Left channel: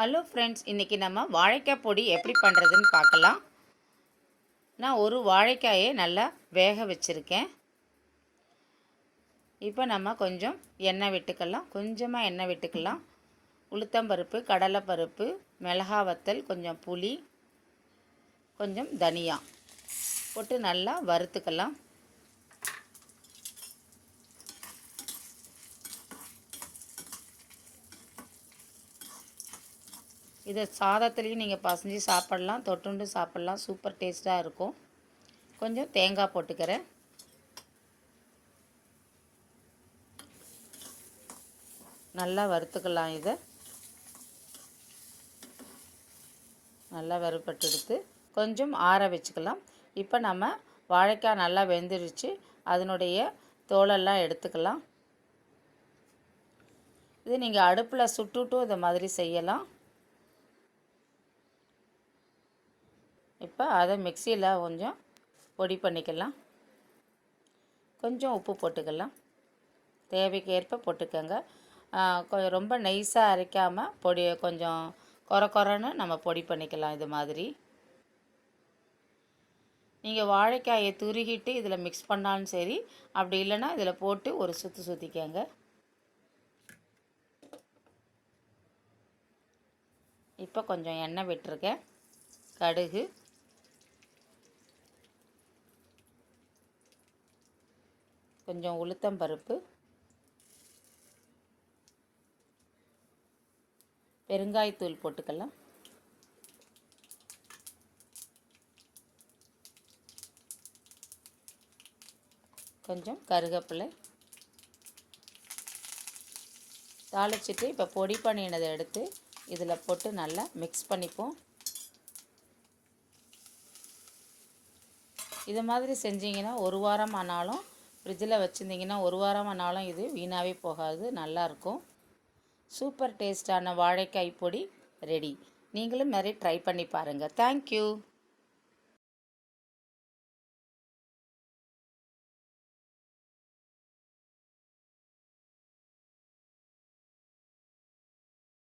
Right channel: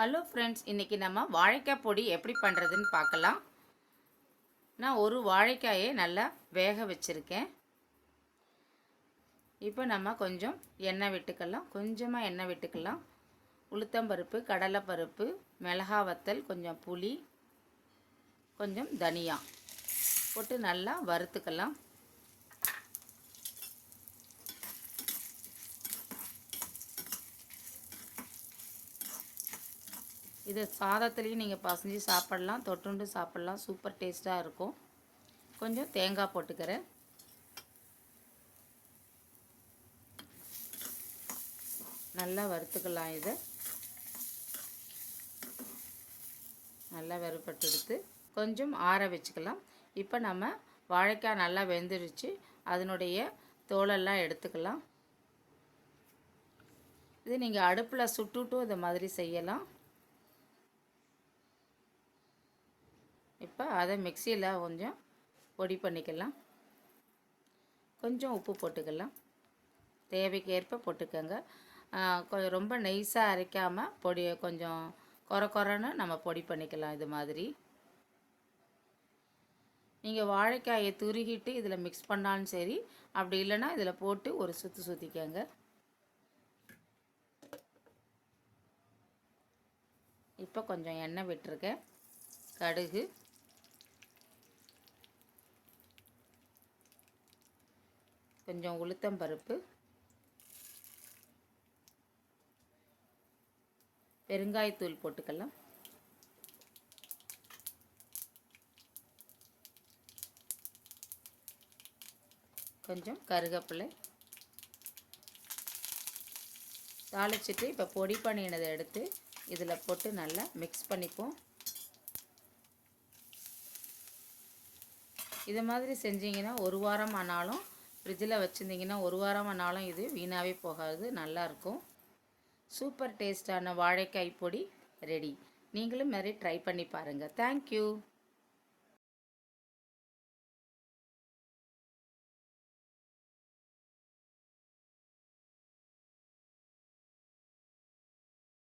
Hello friends, இன்றைக்கி நம்ம வாழைக்காய் பொடி எப்படி பண்ணுறதுன்னு பார்க்கலாம். நான் ஒரு வாழைக்காயை நல்லா வேக வச்சுருக்கேன். இப்போ நம்ம கொஞ்சம் எண்ணெய் விட்டுக்கலாம், கொஞ்சமாக எண்ணெய் விட்டுக்கலாம். உளுத்தம்பருப்பு, கடலைப்பருப்பு, மிளகா வத்தல், கொஞ்சம் புளி, கொஞ்சம் தனியா போட்டு நல்லா வறுத்துக்கலாம். இதை சாதத்துலேயும் நீங்கள் பசஞ்சு சாப்பிட்லாம், தொட்டுண்டு சாப்பிட்லாம். சூப்பர் டேஸ்ட்டாக இருக்கும். கொஞ்சம் தேங்காய் போட்டுக்கிறேன். நல்லா வறுத்துக்கலாம். இதை நல்லா வறுப்பட்டு எடுத்து கொஞ்சம் ஆற வச்சுக்கலாம். இப்போ நம்ம வாழைக்காய் நல்லா வெந்துருச்சு, அதனுடைய தோலெல்லாம் எடுத்துக்கலாம். இது நீங்கள் அடுப்பில் சுட்டுட்டும் இதை மாதிரி செய்யலாம். இப்போ அதை மிக்சியில் கொஞ்சம் பொடி பண்ணிக்கலாம். கொஞ்சம் உப்பு போட்டுக்கலாம், தேவைக்கு ஏற்ப போட்டுக்கோங்க. ரொம்ப நைஸாக அரைக்காமல் பொடி கொஞ்சம் கொரன்னு நம்ம பொடி பண்ணிக்கலாம். இது மாதிரி நீங்கள் வாழைக்காயை துருகிட்டு இதில் மிக்ஸ் பண்ணாலும் சரி, அப்படி இல்லைன்னா இதில் போட்டு ஒரு சுற்றிக்கோங்க. இப்போ கொஞ்சம் எண்ணெய் விட்டுருக்கேன். கடுகு, கொஞ்சம் உளுத்தம்பருப்பு, பெருங்காயத்தூள் போட்டுக்கலாம். கொஞ்சம் கருவேப்பிலை தாளிச்சிட்டு இப்போ பொடி பண்ணினதை எடுத்து இதில் போட்டு நல்லா மிக்ஸ் பண்ணிப்போம். இது மாதிரி செஞ்சிங்கன்னா ஒரு வாரம் ஆனாலும், ஃப்ரிட்ஜில் வச்சுருந்திங்கன்னா ஒரு வாரம் ஆனாலும் இது வீணாகவே போகாது, நல்லாயிருக்கும். சூப்பர் டேஸ்டான வாழைக்காய் பொடி ரெடி. நீங்களும் நிறைய ட்ரை பண்ணி பாருங்கள். தேங்க்யூ.